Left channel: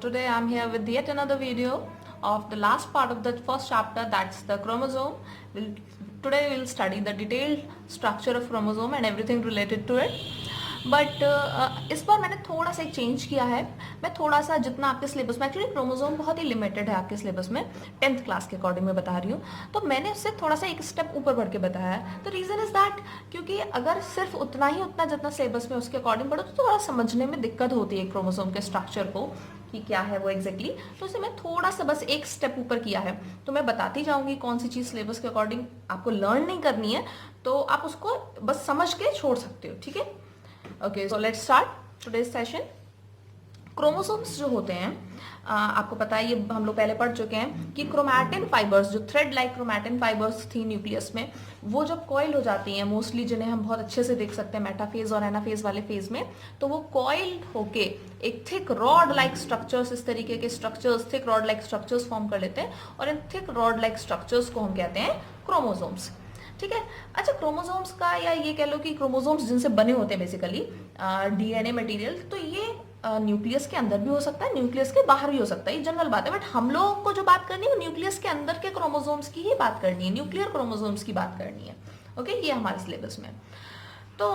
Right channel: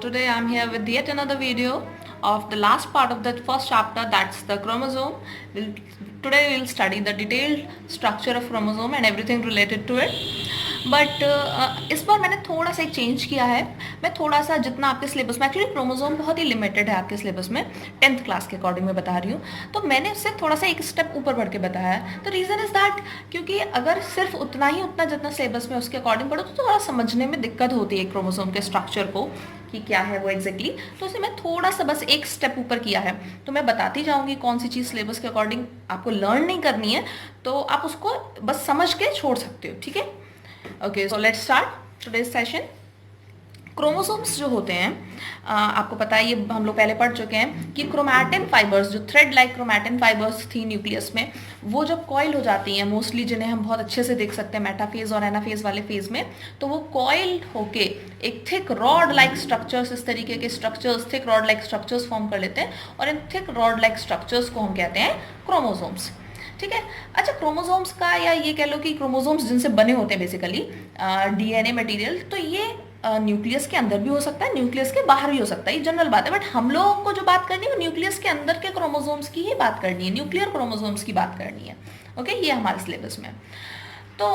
today I'm here with yet another video of the last part of the first chapter, that's the chromosome. Today we'll study the detailed structure of chromosome and everything related to it. But इस बार मैंने थोड़ा सा एक change किया है. मैं थोड़ा सा जितना आपके सिलेबस में, एक्चुअली क्रोमोसोम बहुत ही लिमिटेड है आपके सिलेबस में, 10th क्लास के अकॉर्डिंग मैं बता रही हूँ, तो मैंने उससे थोड़ा सा एक स्टेप ऊपर बढ़ के बताया है. द रीज़न इज़ दैट क्योंकि अगर सिर्फ उतना जितना सिलेबस में उसके अकॉर्डिंग पढ़ो तो थोड़ा समझने में दिक्कत होती है क्रोमोसोम के स्ट्रक्चर को कि क्या है वो एग्जैक्टली. तो इसे मैं थोड़ा सा बस एक स्टेप ऊपर किया है. तो मैं बताती जाऊंगी कौन सी चीज़ सिलेबस के अकॉर्डिंग आपको लर्न नहीं करनी है, तो आप उसको बस समझ के छोड़ सकते हो. ठीक है, okay, so let's start today's session. Chromosomes जो होते हैं, आपको पता है, ये हम लोग पहले पढ़ चुके हैं कि क्रोमैटिन फाइबर्स, जो थ्रेड लाइक क्रोमैटिन फाइबर्स थी न्यूक्लियस में, वो जब कॉइल हो जाती हैं, मोस्टली जिन्हें हम बहुत अच्छे से देख सकते हैं मेटाफेज और एनाफेज वाले फेज में, तो वो कॉइल होके एक थिक रॉड लाइक स्ट्रक्चर्स, इस तरीके के structures, thick rod like structures form कर लेते हैं, और इन थिक रॉड लाइक स्ट्रक्चर्स को हम कहते हैं क्रोमोसोम्स. ठीक है. अच्छा, क्रोमोसोम्स का, या ये कह लो कि क्रोमोसोम्स जिनसे बने होते हैं बेसिकली डीएनए मटेरियल, तो ये न्यूक्लियस के अंदर भी हो सकता है, न्यूक्लियस के बाहर भी हो सकता है, ये जनरल बात है. बट हम लोगों को जो बात करनी है वो न्यूक्लियस के अंदर के क्रोमोसोम्स की ही बात करनी है, न्यूक्लियर क्रोमोसोम्स की बात करनी है. ओके, ये हमारे सिलेबस में. तो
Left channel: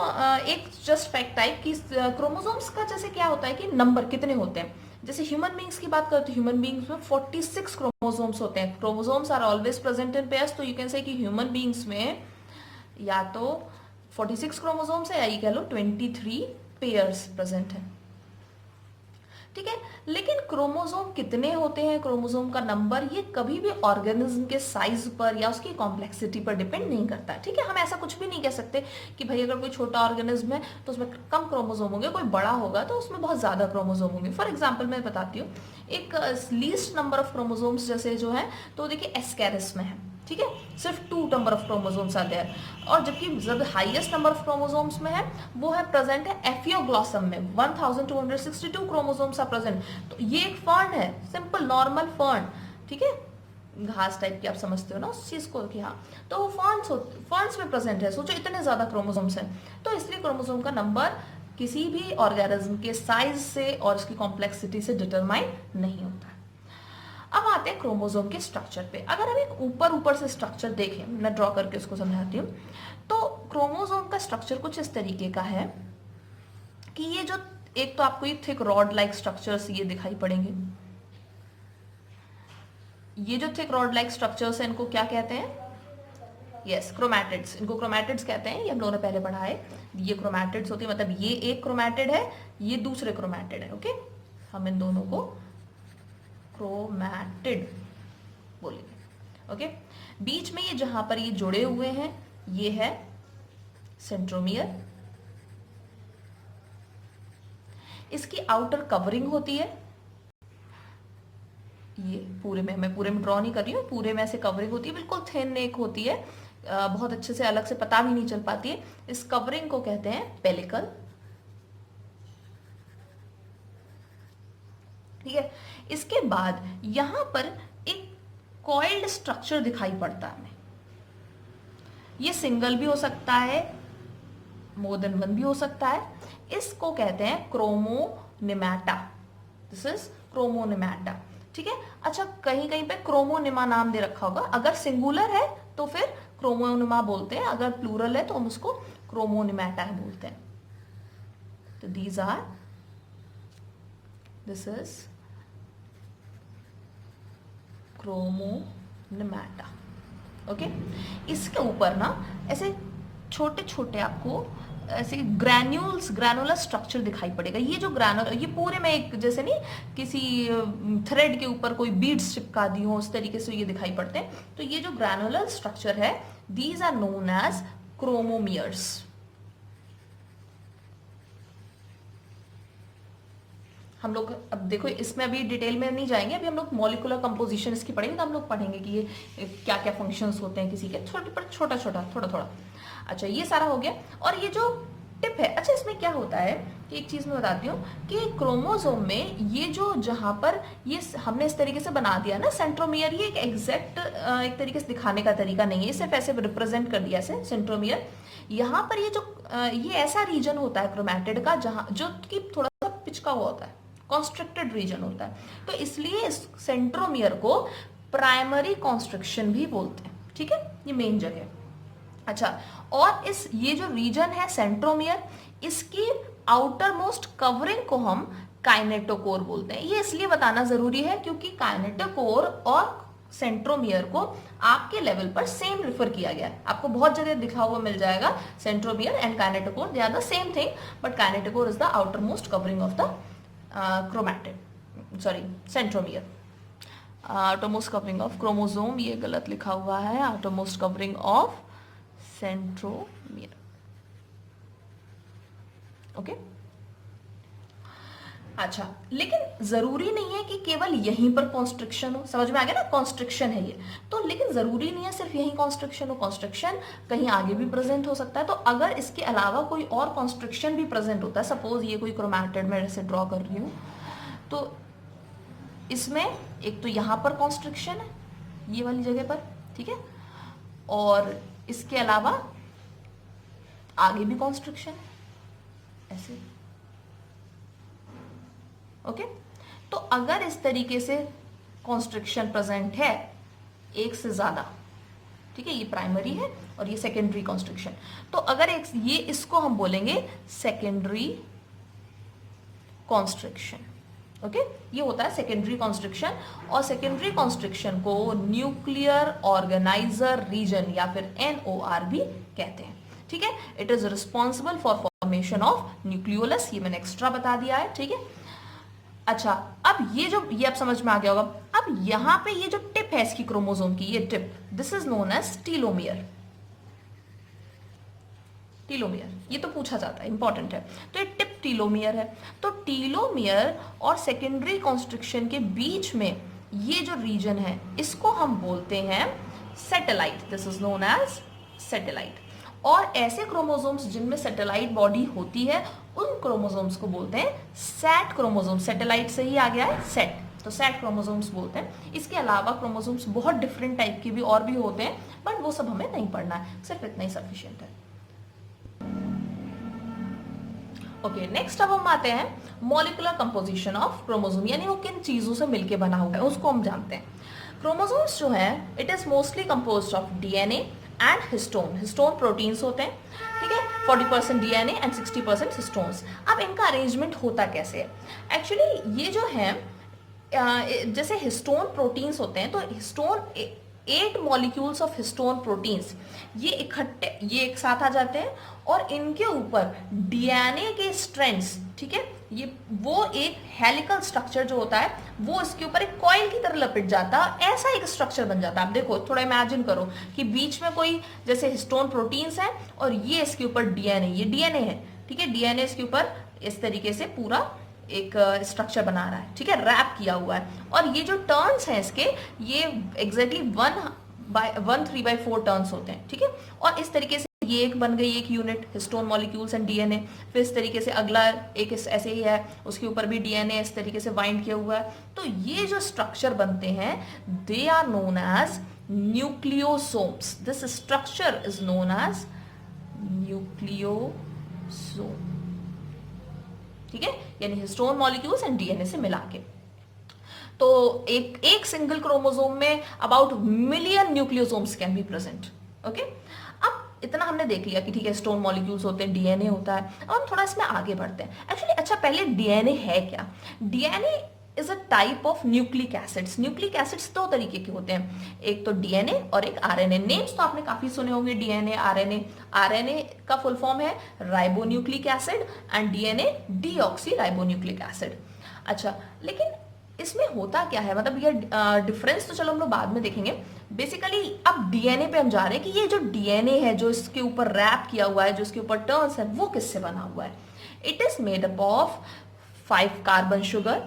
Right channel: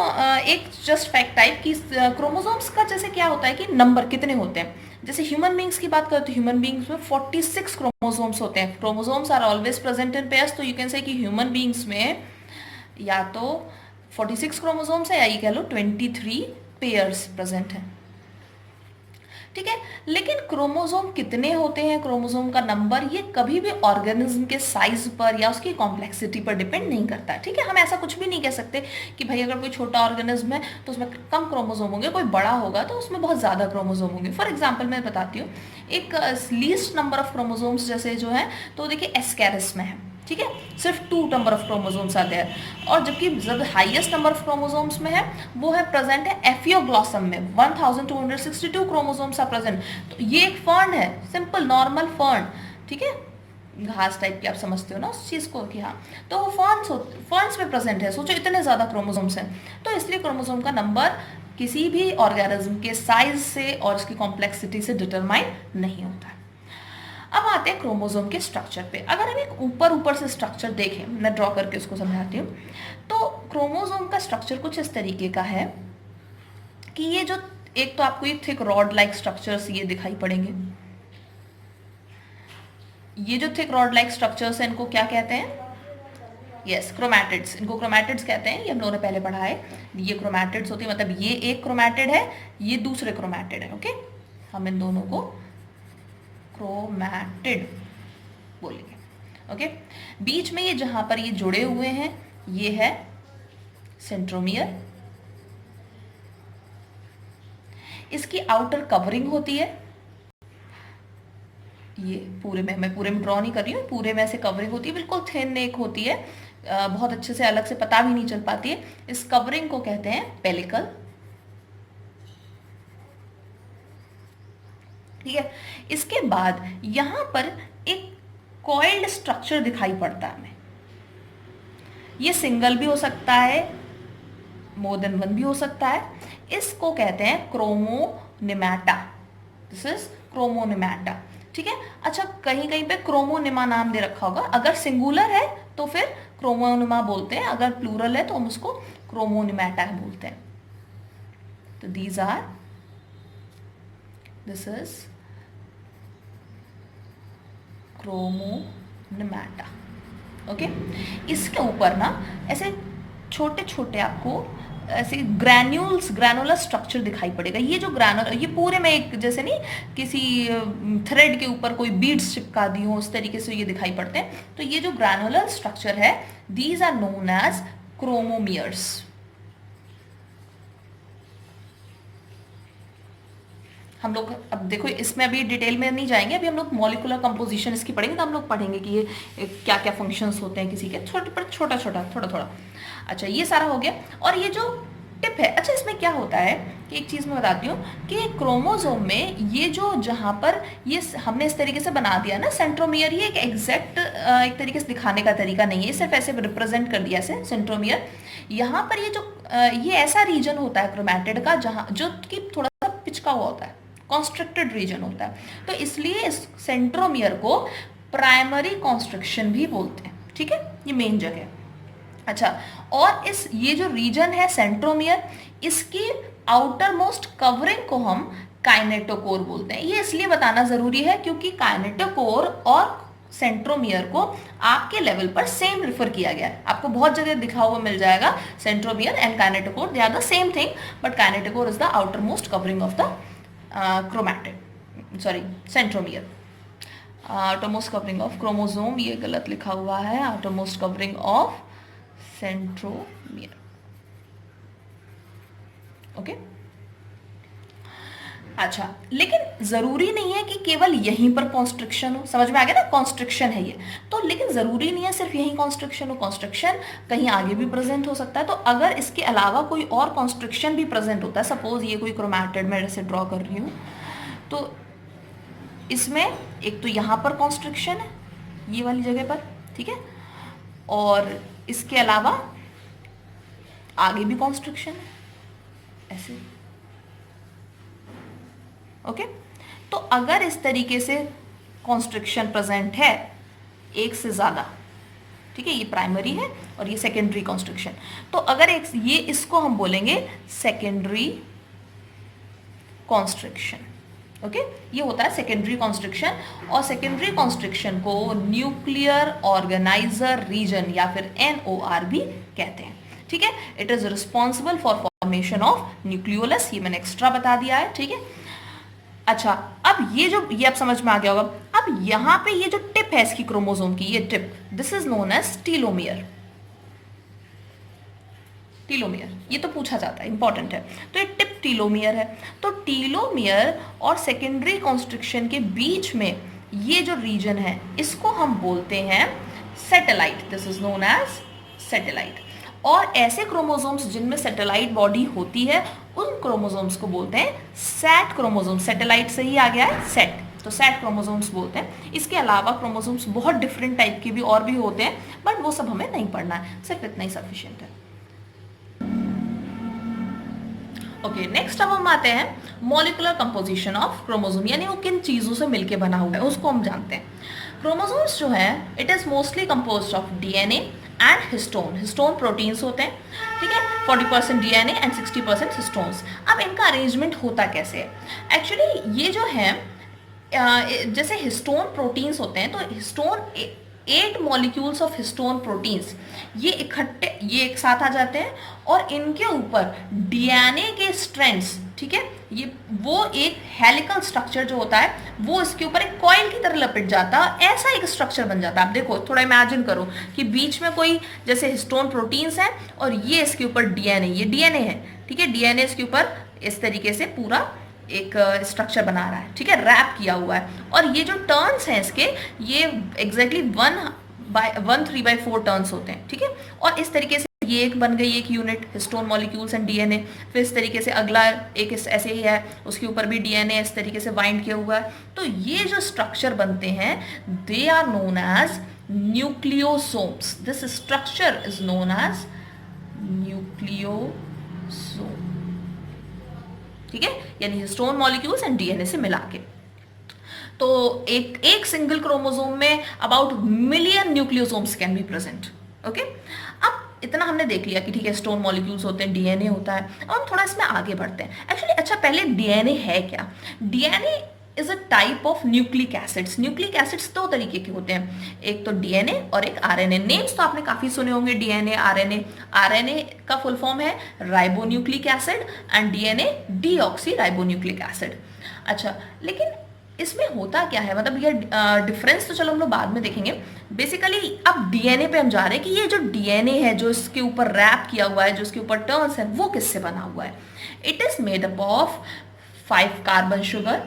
एक जस्ट फैक्ट टाइप की क्रोमोसोम्स का जैसे क्या होता है कि नंबर कितने होते हैं. जैसे ह्यूमन बींग्स की बात करें तो ह्यूमन बींग्स में 46 क्रोमोसोम्स होते हैं. Chromosomes are always present in pairs, तो यू कैन से कि ह्यूमन बींग्स में या तो 46 क्रोमोसोम्स है, या ये कह लो 23 पेयर्स प्रेजेंट हैं. ठीक है. लेकिन क्रोमोसोम कितने होते हैं, क्रोमोसोम का नंबर, ये कभी भी ऑर्गेनिज्म के साइज पर या उसकी कॉम्प्लेक्सिटी पर डिपेंड नहीं करता. ठीक है. हम ऐसा कुछ भी नहीं कह सकते कि भाई अगर कोई छोटा ऑर्गेनिज्म है तो उसमें कम क्रोमोसोम होंगे, कोई बड़ा होगा तो उसमें बहुत ज़्यादा क्रोमोसोम होंगे. फॉर एग्जाम्पल मैं बताती हूँ, एक लीस्ट नंबर ऑफ क्रोमोसोम्स जैसे जो है, तो देखिए एस्कैरिस में है. ठीक है, सिर्फ 2 नंबर ऑफ क्रोमोसोम्स आते हैं. और जबकि जब हाईएस्ट नंबर ऑफ क्रोमोसोम्स में है वो है प्रेजेंट है एफियोग्लॉसम में, 1262 क्रोमोसोम्स आर प्रेजेंट. तो ये एक फर्न है, सिंपल नॉर्मल फर्न. ठीक है, घास टाइप की, आप समझते हो ना उस चीज को कि हाँ, तो वो फर्न्स में प्रेजेंट है. सोचो इतने ज्यादा क्रोमोसोम्स हैं, तो इसलिए क्रोमोसोम का नंबर किसी भी ऑर्गेनिज्म के साइज से और उसकी कॉम्प्लेक्सिटी से डिटरमाइन नहीं होता है. अब आते हैं क्रोमोसोम के स्ट्रक्चर पे. अगर हम एक ऊपर से स्ट्रक्चर देखें, मैं ड्रॉ करके उसको समझाती हूँ, तो क्रोमोसोम का स्ट्रक्चर कुछ इस तरीके का है कि ये जो, एक तो आपको ये थिक रॉड लाइक स्ट्रक्चर्स ये दिखाई पड़ेंगे. ये जो थिक रॉड लाइक स्ट्रक्चर्स हैं, इनको क्या कहते हैं? Yes, chromatids. इनको क्रोमैटिड्स कहते हैं, ये हम लोगों ने पहले पढ़ा है. ये क्रोमैटिड्स होती है, मतलब ये एक क्रोमैटिड है, ये दूसरे क्रोमैटिड है. ओके, हम इन दोनों को क्रोमैटिड बोलेंगे. ओके, बीच में ये जहां पर ये जुड़े हुए हैं ये है सेंट्रोमियर. इसकी आउटर कवरिंग होती है, ये पूरे में, मैं पूरे में ड्रॉ नहीं कर रही हूँ, पूरे में ऐसे कवरिंग होती है, बिल्कुल थिन एक होती है, बहुत अच्छे से अलग से पता भी नहीं चल पाती है. इस कवरिंग को कहते हैं पेलिकल. ठीक है. इसके बाद यहां पर एक कॉइल्ड स्ट्रक्चर दिखाई पड़ता है हमें. ये सिंगल भी हो सकता है, मोर देन वन भी हो सकता है. इसको कहते हैं क्रोमोनिमेटा. This is क्रोमोनिमेटा. ठीक है. अच्छा, कहीं कहीं पे क्रोमोनिमा नाम दे रखा होगा. अगर सिंगुलर है तो फिर क्रोमोनिमा बोलते हैं, अगर प्लूरल है तो हम उसको क्रोमोनिमेटा बोलते हैं. तो दिस इज क्रोमोनिमेटा. ओके, इसके ऊपर ना ऐसे छोटे छोटे आपको ऐसे ग्रैनुलर स्ट्रक्चर दिखाई पड़ेगा. ये जो ये पूरे में एक, जैसे नहीं किसी थ्रेड के ऊपर कोई बीड्स चिपका दी हो, उस तरीके से ये दिखाई पड़ते हैं. तो ये जो ग्रैनुलर स्ट्रक्चर है, these are known as chromomeres. हम लोग अब देखो, इसमें अभी डिटेल में नहीं जाएंगे, अभी हम लोग मॉलिक्यूलर कंपोजिशन इसकी पढ़ेंगे, तो हम लोग पढ़ेंगे कि ये क्या क्या फंक्शंस होते हैं किसी के, छोटा थोड़ा. अच्छा, ये सारा हो गया. और ये जो टिप है, अच्छा इसमें क्या होता है कि एक चीज मैं बताती हूँ कि क्रोमोसोम में ये जो जहां पर ये हमने इस तरीके से बना दिया ना सेंट्रोमियर, ये एक एग्जैक्ट एक तरीके से दिखाने का तरीका नहीं है, सिर्फ ऐसे रिप्रेजेंट कर दिया ऐसे सेंट्रोमियर. यहाँ पर ये जो ये ऐसा रीजन होता है क्रोमैटिड का जहाँ जो कि थोड़ा सा पिचका हुआ होता है. कॉन्स्ट्रिक्टेड रीजन होता है, तो इसलिए इस सेंट्रोमियर को प्राइमरी कॉन्स्ट्रिक्शन भी बोलते हैं, ठीक है, ये मेन जगह। अच्छा, और ये जो रीजन है सेंट्रोमियर, इसकी आउटर मोस्ट कवरिंग को हम काइनेटोकोर बोलते हैं। ये इसलिए बताना जरूरी है क्योंकि काइनेटोकोर और सेंट्रोमियर को आपके लेवल पर सेम रिफर किया गया है, आपको बहुत जगह दिखा हुआ मिल जाएगा। Centromere and kinetochore, they are the same thing, but kinetochore is the outer most covering of the centromere. Outer most covering of chromosome, ये गलत लिखा हुआ है, outer most covering of centromere. Okay, अच्छा, लेकिन जरूरी नहीं है कि केवल यहीं पर कॉन्स्ट्रिक्शन हो, समझ में आ गया ना, कॉन्स्ट्रिक्शन है ये तो, लेकिन जरूरी नहीं है सिर्फ यहीं कॉन्स्ट्रिक्शन हो, कॉन्स्ट्रिक्शन कहीं आगे भी प्रेजेंट हो सकता है। तो अगर इसके अलावा कोई और कॉन्स्ट्रिक्शन भी प्रेजेंट होता है, सपोज ये कोई क्रोमैटिड में जैसे ड्रॉ कर रही हूँ, तो इसमें एक तो यहाँ पर कॉन्स्ट्रिक्शन है ये वाली जगह पर, ठीक है, और इसके अलावा आगे भी कॉन्स्ट्रिक्शन है ऐसे। ओके, तो अगर इस तरीके से कॉन्स्ट्रिक्शन प्रेजेंट है एक से ज्यादा, ठीक है, ये प्राइमरी है और ये सेकेंडरी कॉन्स्ट्रिक्शन, तो अगर ये इसको हम बोलेंगे सेकेंडरी कॉन्स्ट्रिक्शन। ओके, ये होता है सेकेंडरी कॉन्स्ट्रिक्शन, और सेकेंडरी कॉन्स्ट्रिक्शन को न्यूक्लियर ऑर्गेनाइजर रीजन या फिर NOR भी कहते हैं, ठीक है। It is responsible for formation of nucleolus, ये मैंने एक्स्ट्रा बता दिया है, ठीक है। अच्छा, अब ये अब समझ में आ गया होगा। अब यहां पे ये जो टिप है इसकी क्रोमोसोम की, ये tip, this is known as telomere. Telomere, ये तो पूछा जाता है, इंपॉर्टेंट है, तो ये टिप टीलोमियर है। तो टीलोमियर और सेकेंडरी कॉन्स्ट्रिक्शन के बीच में ये जो रीजन है इसको हम बोलते हैं satellite, this is known as satellite. और ऐसे क्रोमोसोम्स जिनमें सैटेलाइट बॉडी होती है उन क्रोमोसोम्स को बोलते हैं सैट क्रोमोसोम। सैटेलाइट से ही आ गया है सैट, तो सैट क्रोमोसोम्स बोलते हैं। इसके अलावा क्रोमोसोम्स बहुत डिफरेंट टाइप के भी और भी होते हैं, बट वो सब हमें नहीं पढ़ना है, सिर्फ इतना ही सफिशिएंट है। ओके, नेक्स्ट अब हम आते हैं मॉलिक्यूलर कंपोजिशन ऑफ क्रोमोसोम, यानी वो किन चीजों से मिलकर बना हुआ है उसको हम जानते हैं। क्रोमोसोम्स जो है it is mostly composed of DNA and histone. Histone proteins होते हैं, ठीक है, 40% डीएनए एंड 60% हिस्टोन्स। अब इनका अरेंजमेंट होता कैसे है? एक्चुअली ये जो है जैसे हिस्टोन प्रोटीन्स होते हैं, तो histone 8 molecules of histone proteins ये एक साथ आ जाते हैं और इनके ऊपर डीएनए के स्ट्रैंड्स, ठीक है, ये वो एक हेलिकल स्ट्रक्चर जो होता है वो इसके ऊपर एक कॉइल की तरह लपेट जाता है, ऐसा एक स्ट्रक्चर बन जाता है। आप देखो, थोड़ा इमेजिन करो कि बीच में कोई जैसे हिस्टोन प्रोटीन्स है और ये इसके ऊपर डीएनए, ये डीएनए है, ठीक है, डीएनए इसके ऊपर इस तरीके से पूरा एक स्ट्रक्चर बना रहा है, ठीक है, रैप किया हुआ है। और ये जो टर्न्स हैं इसके, ये एग्जैक्टली 1/3/4 टर्न्स होते हैं, ठीक है। और इस तरीके से ये एक बन गई एक unit histone molecules and DNA. फिर इस तरीके से अगला एक ऐसे ही है, उसके ऊपर भी डीएनए इस तरीके से बाइंड किया हुआ है। तो ये जो स्ट्रक्चर बनते हैं they are known as nucleosomes. This structure is known as nucleosome, ठीक है, यानी हिस्टोन मॉलिक्यूल्स एंड डीएनए से मिला के। तो एक सिंगल क्रोमोसोम में about million nucleosomes can be present. Okay, अब इतना हमने देख लिया कि ठीक है हिस्टोन मॉलिक्यूल्स होते हैं, डीएनए होता है। अब हम थोड़ा इसमें आगे बढ़ते हैं। एक्चुअली अच्छा, पहले डीएनए है क्या? DNA is a type of nucleic acids. Nucleic acids 2 तरीके के होते हैं, एक तो डीएनए और एक आरएनए। नेम्स तो आपने काफी सुने होंगे, डीएनए, आरएनए। आरएनए का फुल फॉर्म है ribonucleic acid and DNA deoxy ribonucleic acid. अच्छा, लेकिन इसमें होता क्या है, मतलब ये डिफरेंस तो चलो हम लोग बाद में देखेंगे। बेसिकली अब डीएनए पे हम जा रहे हैं कि ये जो डीएनए है जो इसके ऊपर रैप किया हुआ है, जो इसके ऊपर टर्न्स है, वो किससे बना हुआ है? It is made up of 5 carbon sugar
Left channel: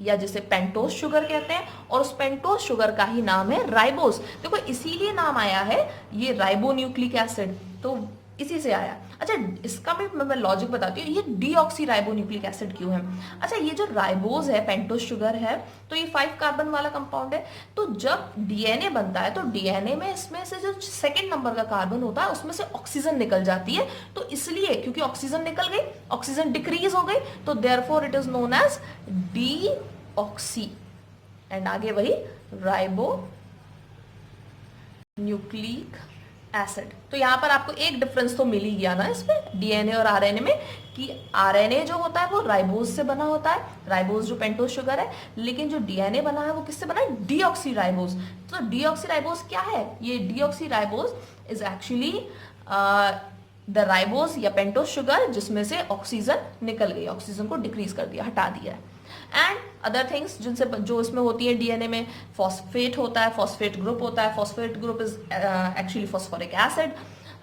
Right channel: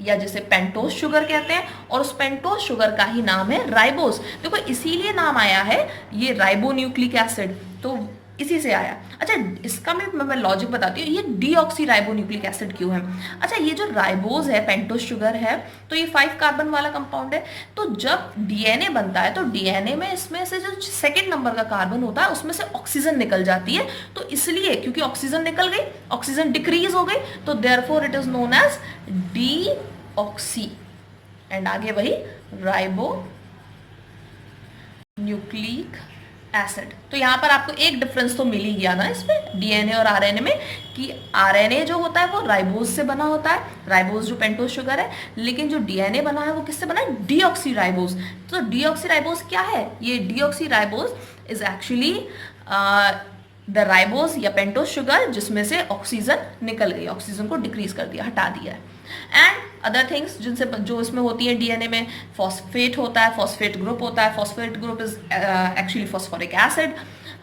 या जिसे पेंटोज शुगर कहते हैं, और उस पेंटोज शुगर का ही नाम है राइबोस। देखो इसीलिए नाम आया है ये राइबोन्यूक्लिक एसिड। तो इसी से आया। अच्छा, इसका मैं लॉजिक बताती हूँ, ये डीऑक्सीराइबोन्यूक्लिक एसिड क्यों है। अच्छा, ये जो राइबोज है, पेंटोस शुगर है, तो ये 5 कार्बन वाला कंपाउंड है। तो जब डीएनए बनता है तो डीएनए में इसमें से जो सेकेंड नंबर का कार्बन होता है उसमें से ऑक्सीजन निकल जाती है। तो इसलिए क्योंकि ऑक्सीजन निकल गई, ऑक्सीजन डिक्रीज हो गई, तो therefore it is known as deoxy, and आगे वही राइबो न्यूक्लिक एसिड। तो यहाँ पर आपको एक डिफरेंस तो मिल ही गया ना इसमें डीएनए और आरएनए में, कि आरएनए जो होता है वो राइबोज से बना होता है, राइबोज जो पेंटोस शुगर है, लेकिन जो डीएनए बना है वो किससे बना है, डीऑक्सीराइबोज। तो डीऑक्सीराइबोज क्या है, ये deoxyribose is actually the ribose या पेंटोस शुगर जिसमें से ऑक्सीजन निकल गई, ऑक्सीजन को डिक्रीज कर दिया, हटा दिया है। एंड अदर थिंग्स जिनसे जो इसमें होती है डीएनए में, फॉस्फेट होता है, फॉस्फेट ग्रुप होता है, phosphate group is actually phosphoric acid,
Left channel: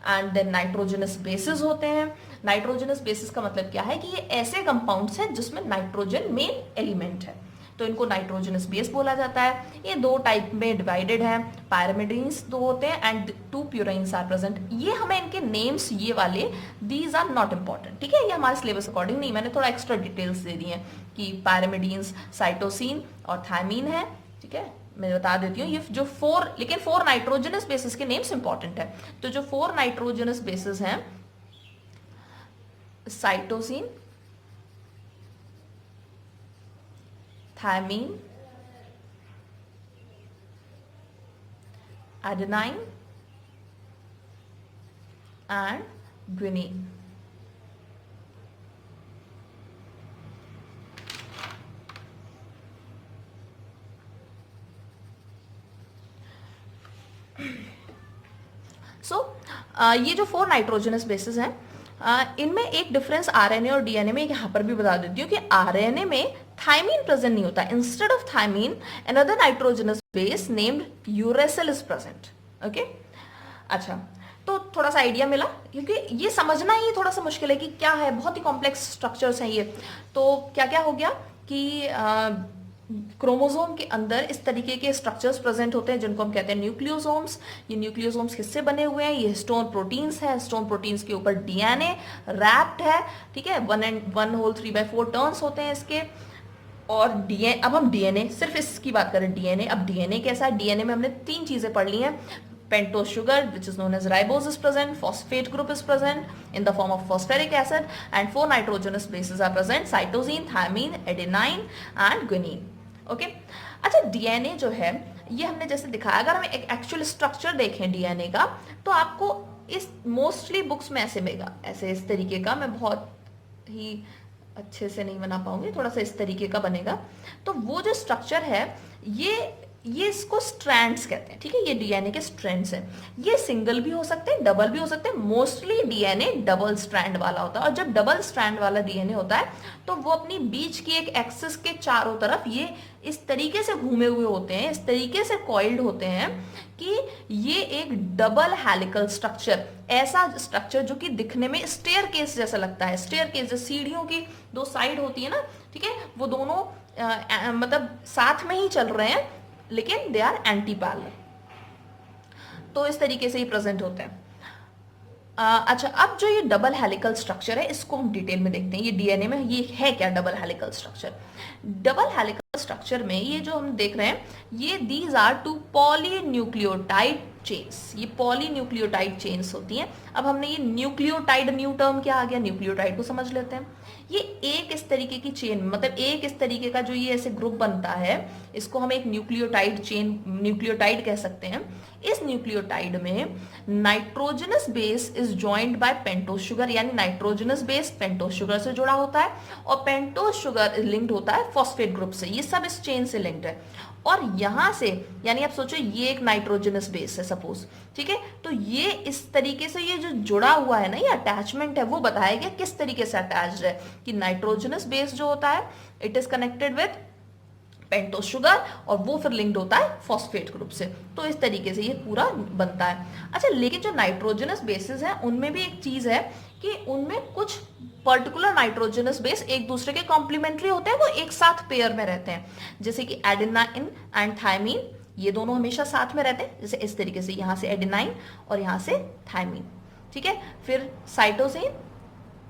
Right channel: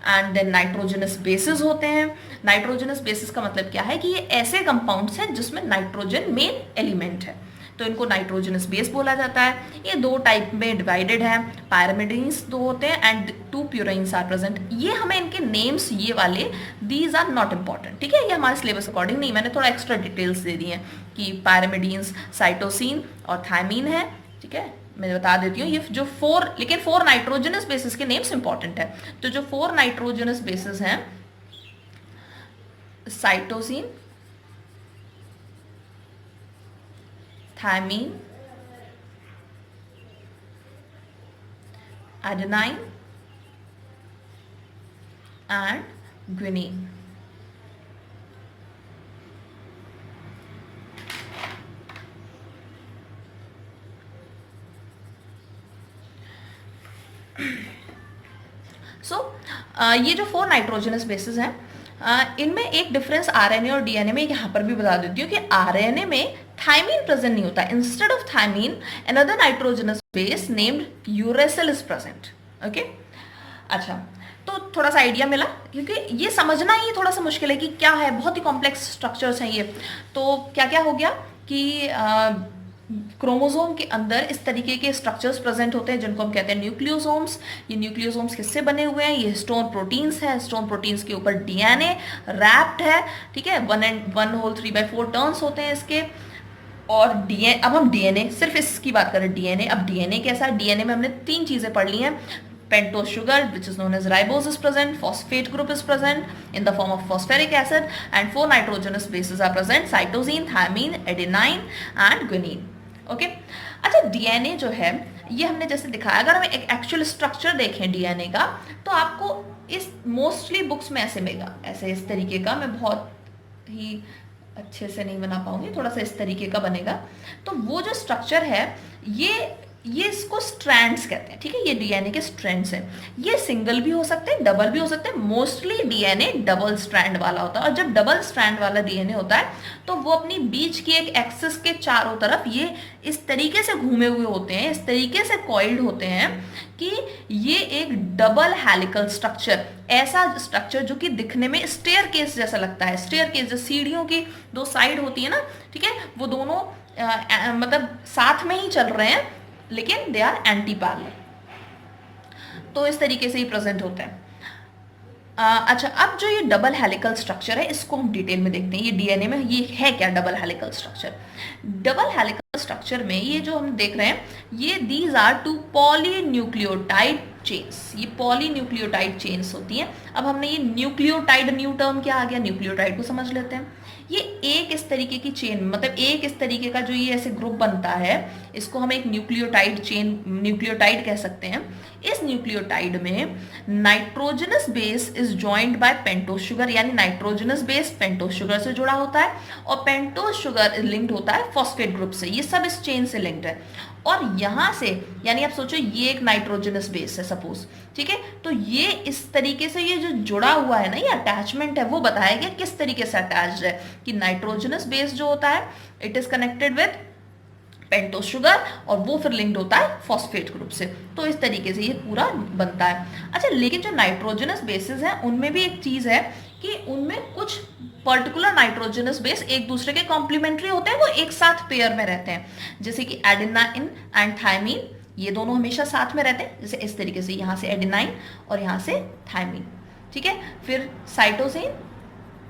and then nitrogenous bases होते हैं। नाइट्रोजनस बेसिस का मतलब क्या है कि ये ऐसे कंपाउंड्स हैं जिसमें नाइट्रोजन मेन एलिमेंट है, तो इनको नाइट्रोजनस बेस बोला जाता है। ये 2 टाइप में डिवाइडेड है, पायरामिडीन्स 2 होते हैं एंड 2 प्यूराइन्स आर प्रेजेंट। ये हमें इनके नेम्स ये वाले, दीज आर नॉट इंपॉर्टेंट, ठीक है, ये हमारे सिलेबस अकॉर्डिंग नहीं, मैंने थोड़ा एक्स्ट्रा डिटेल्स दे दी हैं कि पायरामिडीन्स साइटोसिन और थायमीन है, ठीक है, मैं बता देती हूँ। ये जो 4, लेकिन 4 नाइट्रोजनस बेसिस के नेम्स इंपॉर्टेंट है। तो जो 4 नाइट्रोजनस बेसिस हैं, cytosine, thymine, adenine and guanine. ये जो 4 नाइट्रोजनस बेसिस हैं, इनमें एक डिफरेंस आरएनए और डीएनए में यहाँ पर भी बता देती हूँ कि आरएनए में थायमीन प्रेजेंट नहीं होता, instead of thymine another nitrogenous base named uracil is present. Okay, अच्छा, तो थोड़ा सा आइडिया मिला, क्योंकि ये समझना ही थोड़ा सा मुश्किल है कि क्या है, बहुत ही कॉम्प्लेक्स स्ट्रक्चर्स हैं ये। तो क्या क्या हो गया कि क्रोमोसोम के अंदर इस तरीके के स्ट्रक्चर्स प्रेजेंट होते हैं जिनको हम कहते हैं न्यूक्लियोसोम्स। ये न्यूक्लियोसोम्स किससे बने हुए हैं, ये हिस्टोन प्रोटीन्स हैं, हिस्टोन प्रोटीन्स के ऊपर डीएनए रैप्ड है, ठीक है, 1 होल 3/4 टर्न्स होते हैं इसके। और डीएनए, अब हम डीएनए, सिर्फ इसकी बात करें डीएनए, अब डीएनए कैसा है, डीएनए में हमने 3 चीजें पढ़ ली हैं। pentose sugar which is known as ribose is present, phosphate group is present in the form of phosphoric acid, and 4 nitrogenous bases are present, cytosine, thymine, adenine and guanine. Okay, अच्छा, DNA जो है ये हमने जैसे दिखाया, अगर हम एक एक्चुअल स्ट्रक्चर देखें डीएनए का तो आपको इस मोस्टली बुक्स में ऐसे मिलेगा, ऐसे इस तरीके का, मैं बहुत ही अच्छे से नहीं बना पाऊंगी, थोड़ा सा इस तरीके का बनेगा। तो वो जो स्ट्रक्चर है ये इसको स्ट्रैंड्स कहते हैं, ठीक है, ये डीएनए के स्ट्रैंड्स हैं। ये सिंगल भी हो सकते हैं, डबल भी हो सकते हैं, मोस्टली डीएनए डबल स्ट्रैंड वाला होता है। और जब डबल स्ट्रैंड वाला डीएनए होता है तो वो अपनी बीच की एक एक्सिस के चारों तरफ ये इस तरीके से घूमे हुए होते हैं, इस तरीके से कॉइल्ड होते हैं कि ये एक डबल हेलिकल स्ट्रक्चर, ऐसा स्ट्रक्चर जो कि दिखने में स्टेयर केस जैसा लगता है। स्टेयर केस जो सीढ़ियों की 2 साइड होती है ना, ठीक है, वो दोनों मतलब साथ में ही चल रहे हैं लेकिन दे आर एंटी पैरेलल, तो इस तरीके से ही प्रेजेंट होता है। अच्छा, अब जो ये डबल हेलिकल स्ट्रक्चर है इसको हम डिटेल में देखते हैं, ये डीएनए में ये है क्या double helical structure. Double helical structure में ये जो हम देख रहे हैं, ये दीज आर 2 पॉलीन्यूक्लियोटाइड चेन्स, ये पॉलीन्यूक्लियोटाइड चेन्स होती हैं। अब हमने ये न्यूक्लियोटाइड, न्यू टर्म क्या आ गया, न्यूक्लियोटाइड को समझ लेते हैं। ये एक इस तरीके की चेन, मतलब एक इस तरीके का जो ये ऐसे ग्रुप बनता है, इसको हम एक न्यूक्लियोटाइड चेन, न्यूक्लियोटाइड कह सकते हैं। इस न्यूक्लियोटाइड में nitrogenous base is joined by pentose sugar, यानी नाइट्रोजनस बेस पेंटोस शुगर से जुड़ा होता है और पेंटोस शुगर लिंक्ड होता है फॉस्फेट ग्रुप से। ये सब इस चेन से लिंक्ड है। और यहां से, यानी आप सोचो ये एक नाइट्रोजनस बेस है सपोज, ठीक है, तो ये इस तरीके से ये जो जुड़ा हुआ है ना, ये अटैचमेंट है, वो बताया गया किस तरीके से अटैच्ड है कि नाइट्रोजनस बेस जो होता है it is connected with pentose sugar और वो फिर लिंक्ड होता है फॉस्फेट ग्रुप से। तो इस तरीके से ये पूरा बनता है। अच्छा, लेकिन जो नाइट्रोजनस बेसिस हैं उनमें भी एक चीज है कि उनमें कुछ पर्टिकुलर नाइट्रोजनस बेस एक दूसरे के कॉम्प्लीमेंट्री होते हैं, वो एक साथ पेयर में रहते हैं, जैसे कि एडेनाइन एंड थायमीन, ये दोनों हमेशा साथ में रहते हैं, जैसे इस तरीके से यहाँ से एडेनाइन और यहाँ से थायमीन, ठीक है। फिर साइटोसिन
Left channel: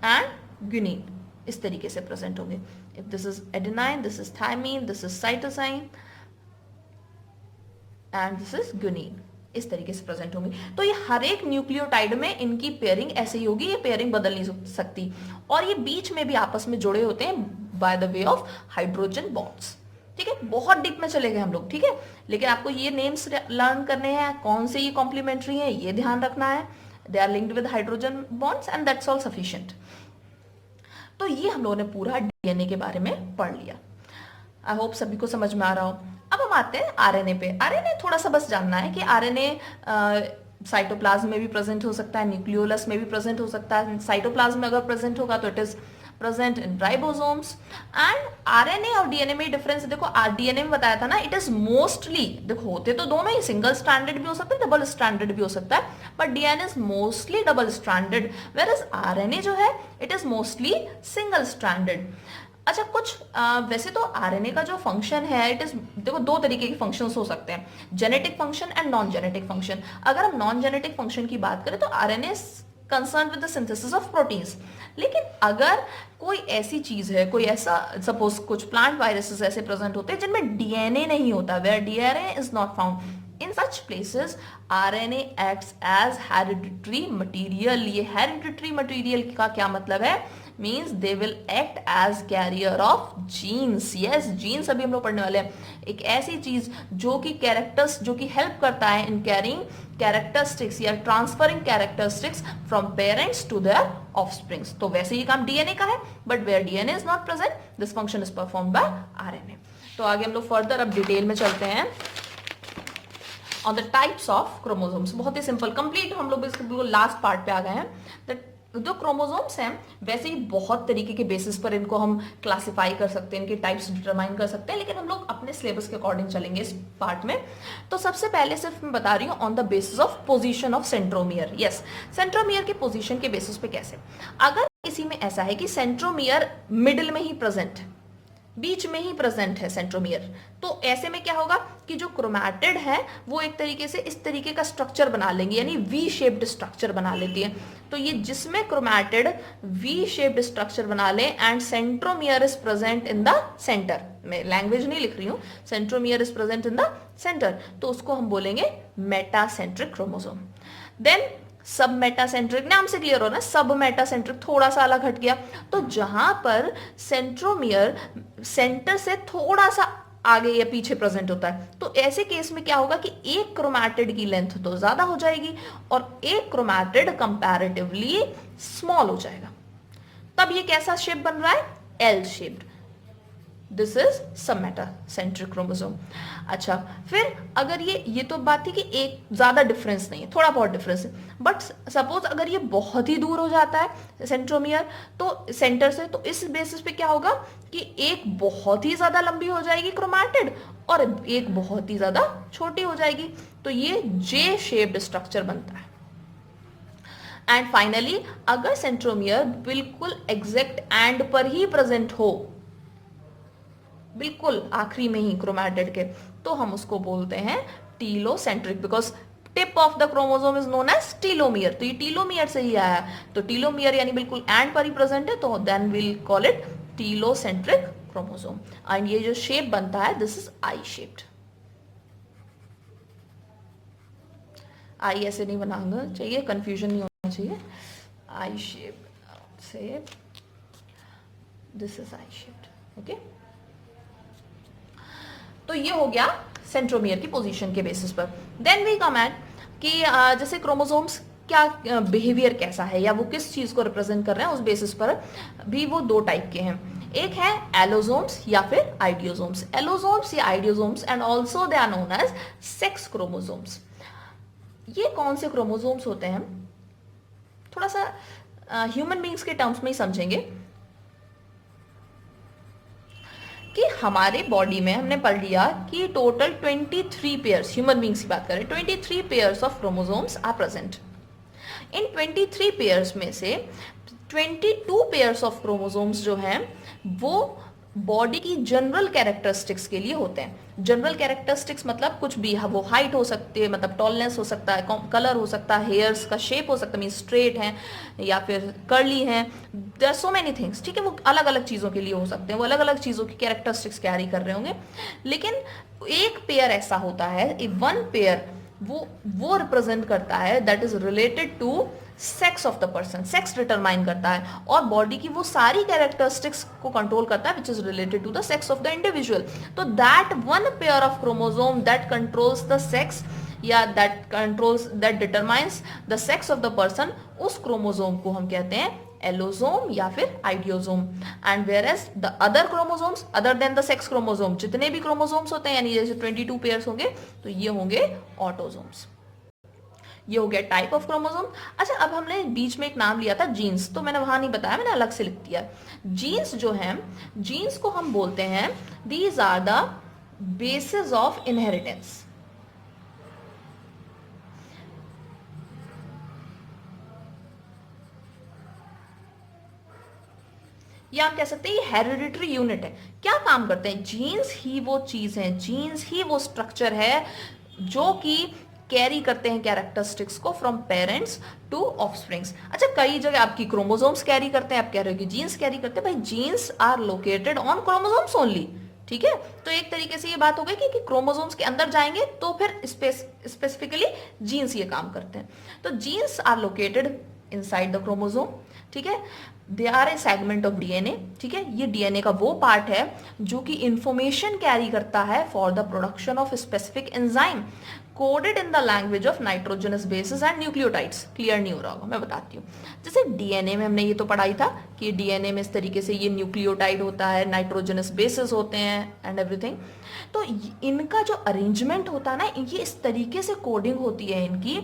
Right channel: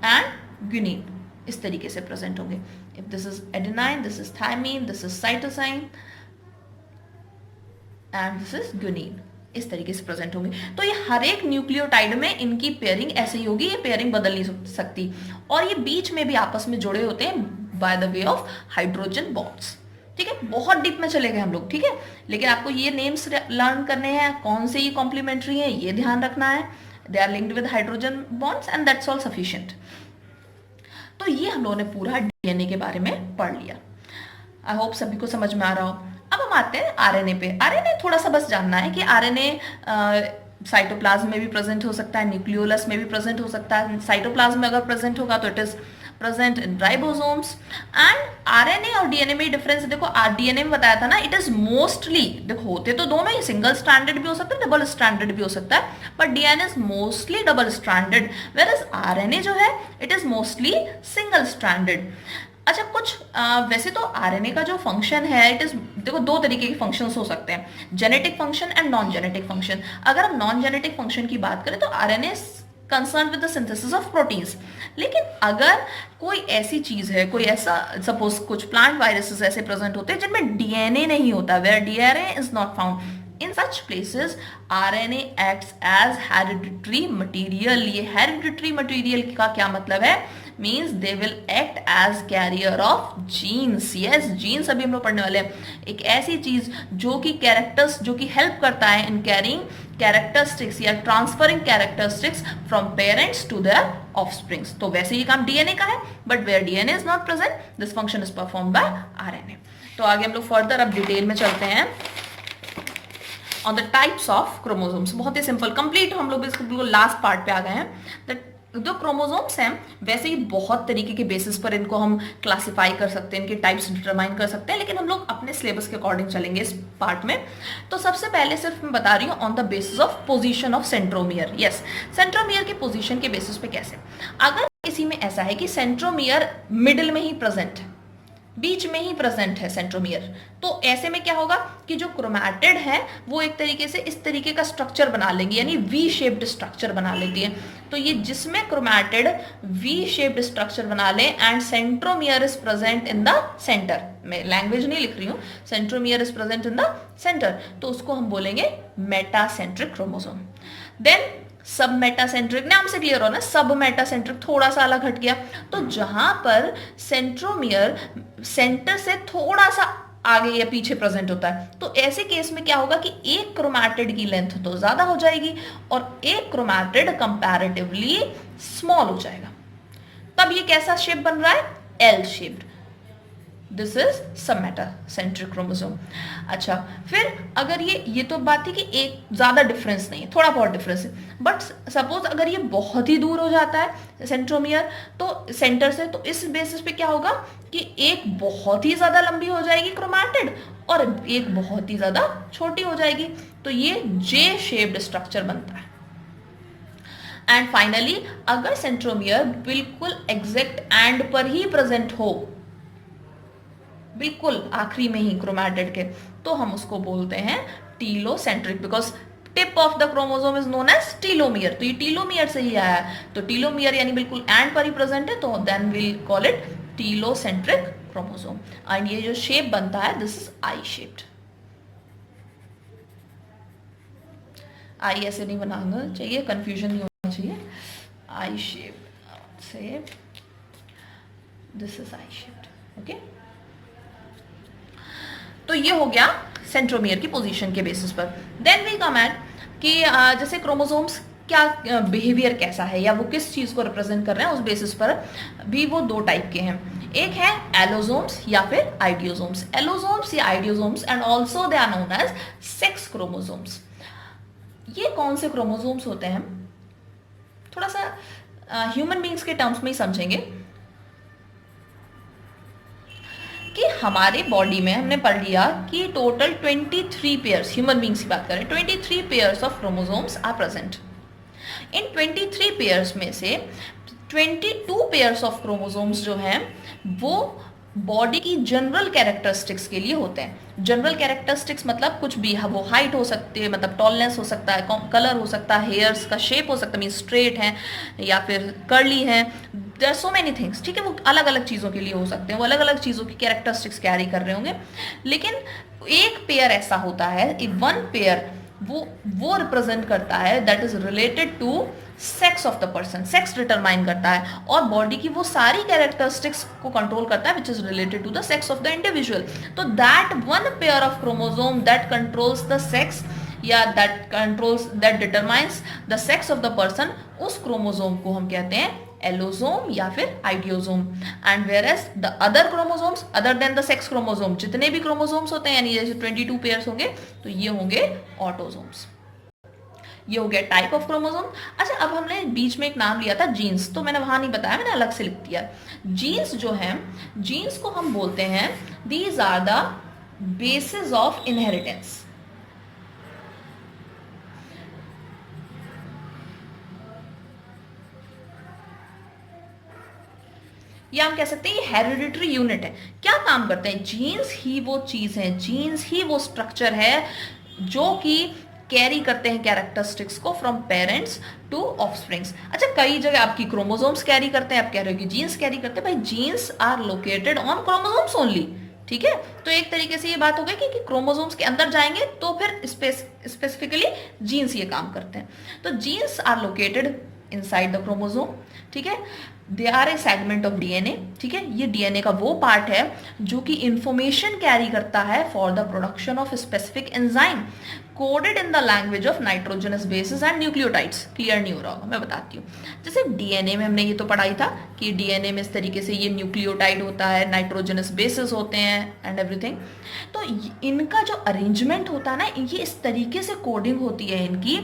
एंड ग्यूनिन इस तरीके से प्रेजेंट होंगे। If this is adenine, this is thymine, this is cytosine and this is guanine, इस तरीके से प्रेजेंट होंगे। तो ये हर एक न्यूक्लियोटाइड में इनकी पेयरिंग ऐसे ही होगी, ये पेयरिंग बदल नहीं सकती, और ये बीच में भी आपस में जुड़े होते हैं by the way of hydrogen bonds. ठीक है, बहुत डीप में चले गए हम लोग, ठीक है, लेकिन आपको ये नेम्स लर्न करने हैं, कौन से ये कॉम्प्लीमेंट्री हैं ये ध्यान रखना है। They are linked with hydrogen bonds and that's all sufficient. तो ये हम लोगों ने पूरा डीएनए के बारे में पढ़ लिया। आई होप सभी को समझ में आ रहा हो। अब हम आते हैं आरएनए पे। आरएनए थोड़ा सा बस जानना है कि आरएनए साइटोप्लाज्म में भी प्रेजेंट हो सकता है, न्यूक्लियोलस में भी प्रेजेंट हो सकता है। साइटोप्लाज्म में अगर प्रेजेंट होगा तो it is present in ribosomes. And RNA और डीएनए में डिफरेंस देखो, डीएनए में बताया था ना, इट इज मोस्टली, देखो होते तो दोनों ही, सिंगल स्ट्रैंडेड भी हो सकता है, डबल स्ट्रैंडेड भी हो सकता है, but DNA is mostly double stranded, whereas RNA जो है it is mostly single stranded. अच्छा, कुछ वैसे तो आरएनए का जो फंक्शन है, इट इज, देखो दो तरीके के फंक्शंस हो सकते हैं, genetic function and non genetic function. अगर हम नॉन जेनेटिक फंक्शन की बात करें तो RNA concern with the synthesis of proteins. लेकिन अगर कोई ऐसी चीज है, कोई ऐसा, सपोज कुछ प्लांट वायरसेस ऐसे प्रेजेंट होते हैं जिनमें डीएनए नहीं होता, where DNA is not found, in such places RNA acts as hereditary material। ये hereditary material का क्या मतलब है? Means they will act as carrier of genes। yes, genes अभी हम लोग पढ़ने वाले हैं। एक ऐसी चीज जो कि कैरेक्टर्स, जो कि हेल्प करता है इन कैरिंग कैरेक्टरिस्टिक्स या transferring characteristics from parents to their offsprings. तो वैसे ये काम डीएनए का है, but where DNA is not present, this function is perform by RNA. तो आगे हम लोग फर्दर अब डिटेल में चलते हैं on the types of chromosomes. बहुत ही सिंपल, कंप्लीट हम लोग इसको बिल्कुल लास्ट पार्ट पे आ गए हैं। जो क्रोमोसोम्स हैं वैसे ही बहुत तरीके के बेसिस पर इनको हम क्लासिफाई कर सकते हैं, इनके टाइप्स डिटरमाइन कर सकते हैं, लेकिन हम लोग अपने सिलेबस के अकॉर्डिंग चलेंगे इस पार्ट में। तो सबसे पहले सिर्फ मैं बता रही हूँ on the bases of position of centromere. Yes, centromere के पोजीशन के बेसिस पे कैसे, अगर किसी में ऐसा है कि सेंट्रोमियर मिडिल में ही प्रेजेंट है, बीच में ही प्रेजेंट है सेंट्रोमियर, तो ऐसे में क्या होगा कि जो क्रोमैटिड है वो एक तरीके से इस तरीके का स्ट्रक्चर बना लेंगे, यानी वी शेप्ड स्ट्रक्चर बना लेती है। तो ये जिसमें क्रोमैटिड वी शेप्ड स्ट्रक्चर बना ले and centromere is present in the centre, मैं लैंग्वेज नहीं लिख रही हूँ, centromere is present in the centre, तो उसको हम बोलेंगे मेटासेंट्रिक क्रोमोसोम। देन सब मेटासेंट्रिक, नाम से क्लियर हो ना, सब मेटासेंट्रिक थोड़ा सा अलग हट गया, तो जहां पर सेंट्रोमियर सेंटर से थोड़ा सा आगे या पीछे प्रेजेंट होता है, तो ऐसे केस में क्या होगा कि एक क्रोमैटिड की लेंथ तो ज्यादा हो जाएगी और एक क्रोमैटिड कंपैरेटिवली स्मॉल हो जाएगा। तब ये कैसा शेप बन रहा है? L shaped. दिस इज सब मेटासेंट्रिक क्रोमोसोम। अच्छा, फिर अगर ये तो बात थी कि एक ज्यादा डिफरेंस नहीं, थोड़ा बहुत डिफरेंस है, बट सपोज अगर ये बहुत ही दूर हो जाता है सेंट्रोमियर तो सेंटर से, तो इस बेसिस पे क्या होगा कि एक बहुत ही ज्यादा लंबी हो जाएगी क्रोमैटिड और एक बहुत ही ज्यादा छोटी हो जाएगी, तो ये जे शेप्ड स्ट्रक्चर बनता है। एंड फाइनली अगर सेंट्रोमियर बिल्कुल एग्जैक्ट एंड पर ही प्रेजेंट हो, बिल्कुल आखिरी में ही क्रोमैटिड के, तो हम उसको बोलते हैं telocentric, because tip of the chromosome is known as telomere. तो ये टीलोमियर से ही आया है, तो टीलोमियर यानी बिल्कुल एंड पर ही प्रेजेंट है, तो then will call it telocentric chromosome. And ये जो शेप बनता है this is I shaped. I ऐसे नहीं बनाना चाहिए, कंफ्यूजन नहीं होना चाहिए, आई शेप्ड से, this is I shaped. Okay, तो ये हो गया सेंट्रोमियर की पोजीशन के बेसिस पर। देन वी कम एट कि जैसे क्रोमोसोम्स क्या बिहेवियर कैसा है या वो किस चीज को रिप्रेजेंट कर रहे हैं, उस बेसिस पर भी वो दो टाइप के हैं। एक है एलोसोम्स या फिर आइडियोसोम्स। एलोसोम्स या idiosomes and also they are known as sex chromosomes. ये कौन से क्रोमोसोम्स होते हैं, थोड़ा सा ह्यूमन बींग्स के टर्म्स में ही समझेंगे कि हमारे बॉडी में हमने पढ़ लिया कि टोटल 23 पेयर्स, ह्यूमन बींग्स की बात करें, 23 pairs of chromosomes are present. इन 23 पेयर्स में से 22 पेयर्स ऑफ क्रोमोसोम्स जो हैं वो बॉडी की जनरल कैरेक्टरिस्टिक्स के लिए होते हैं। जनरल कैरेक्टरिस्टिक्स मतलब कुछ भी, वो हाइट हो सकती है, मतलब टॉलनेस हो सकता है, कलर हो सकता है, हेयर्स का शेप हो सकता है, मीन स्ट्रेट हैं या फिर कर्ली हैं, देयर सो मेनी थिंग्स, ठीक है। वो अलग अलग चीज़ों के लिए हो सकते हैं, वो अलग अलग चीज़ों की कैरेक्टरिस्टिक्स कैरी कर रहे होंगे। लेकिन एक पेयर ऐसा होता है, एक वन पेयर वो रिप्रेजेंट करता है that is related to sex of the person, sex determine करता है और बॉडी की वो सारी कैरेक्टरिस्टिक्स को कंट्रोल करता है which is related to the sex of the individual. तो that one pair of chromosome that controls the sex या that determines the sex of the person, उस क्रोमोसोम को हम कहते हैं एलोसोम या फिर idiosome. And whereas the other chromosomes other than the sex chromosome, जितने भी क्रोमोसोम्स होते हैं यानी जैसे 22 पेयर्स होंगे तो ये होंगे ऑटोसोम्स। ये हो गया टाइप ऑफ क्रोमोसोम। अच्छा, अब हमने बीच में एक नाम लिया था जीन्स, तो मैंने वहां नहीं बताया, मैंने अलग से लिख दिया। जीन्स जो है, जीन्स को हम बोलते हैं these are the bases of inheritance. या हम कह सकते हैं ये हेरिडिटरी यूनिट है। क्या काम करते हैं? जीन्स ही वो चीज है, जीन्स ही वो स्ट्रक्चर है जो कि कैरी करते हैं कैरेक्टरिस्टिक्स को फ्रॉम पेरेंट्स टू ऑफस्प्रिंग्स। अच्छा, कई जगह आपकी क्रोमोसोम्स कैरी करते हैं, आप कह रहे हो कि जीन्स कैरी करते हैं, भाई genes are located on chromosomes only, ठीक है। तो एक तरीके से ये बात हो गई कि क्रोमोसोम्स के अंदर जाएंगे तो फिर स्पेसिफिकली जीन्स ये काम करते हैं। तो genes are located inside the chromosome, ठीक है। They are a segment of DNA, ठीक है। ये डीएनए का वो पार्ट है जो कि इंफॉर्मेशन कैरी करता है for the production of specific enzyme coded in the language of nitrogenous bases and nucleotides. Clear नहीं हो रहा होगा, मैं बताती हूँ। जैसे डीएनए में हमने ये तो पढ़ाई था कि डीएनए में इस तरीके से ये न्यूक्लियोटाइड होता है, नाइट्रोजनस बेसिस होते हैं एंड एवरीथिंग। तो इनका जो अरेंजमेंट होता है ना, ये इस तरीके से कोडिंग होती है इनकी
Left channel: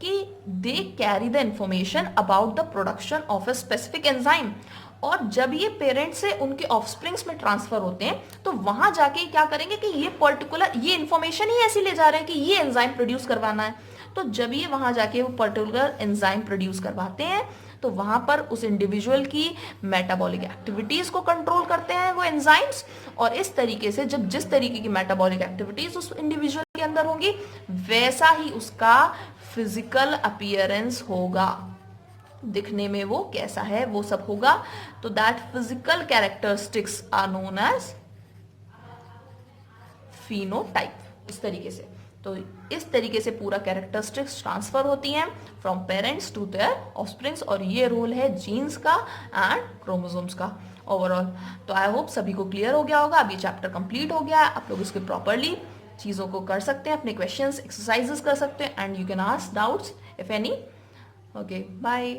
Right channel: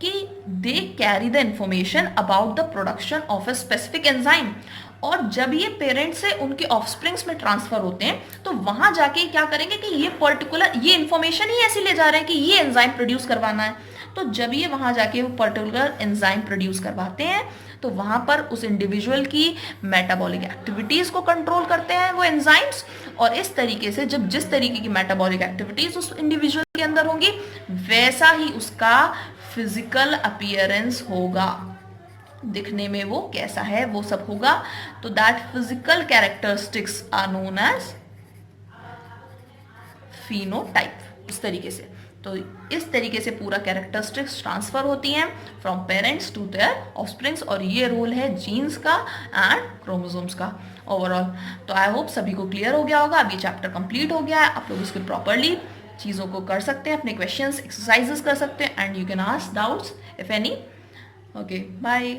कि they carry the information about the production of a specific enzyme. और जब ये पेरेंट्स से उनके ऑफस्प्रिंग्स में ट्रांसफर होते हैं तो वहां जाके क्या करेंगे कि ये पर्टिकुलर ये इंफॉर्मेशन ही ऐसी ले जा रहे हैं कि ये एंजाइम प्रोड्यूस करवाना है। तो जब ये वहां जाके वो पर्टिकुलर एंजाइम प्रोड्यूस करवाते हैं तो वहां पर उस इंडिविजुअल की मेटाबॉलिक एक्टिविटीज को कंट्रोल करते हैं वो एंजाइम्स। और इस तरीके से जब जिस तरीके की मेटाबॉलिक एक्टिविटीज उस इंडिविजुअल के अंदर होंगी वैसा ही उसका फिजिकल अपीयरेंस होगा, दिखने में वो कैसा है वो सब होगा। तो that physical characteristics are known as phenotype, इस तरीके से। तो इस तरीके से पूरा कैरेक्टरिस्टिक्स ट्रांसफर होती हैं from parents to their offsprings, और ये रोल है जीन्स का एंड क्रोमोसोम्स का ओवरऑल। तो आई होप सभी को क्लियर हो गया होगा। अभी चैप्टर कंप्लीट हो गया है, आप लोग इसके प्रॉपरली चीज़ों को कर सकते हैं, अपने क्वेश्चंस एक्सरसाइजेस कर सकते हैं and you can ask doubts if any. Okay, bye.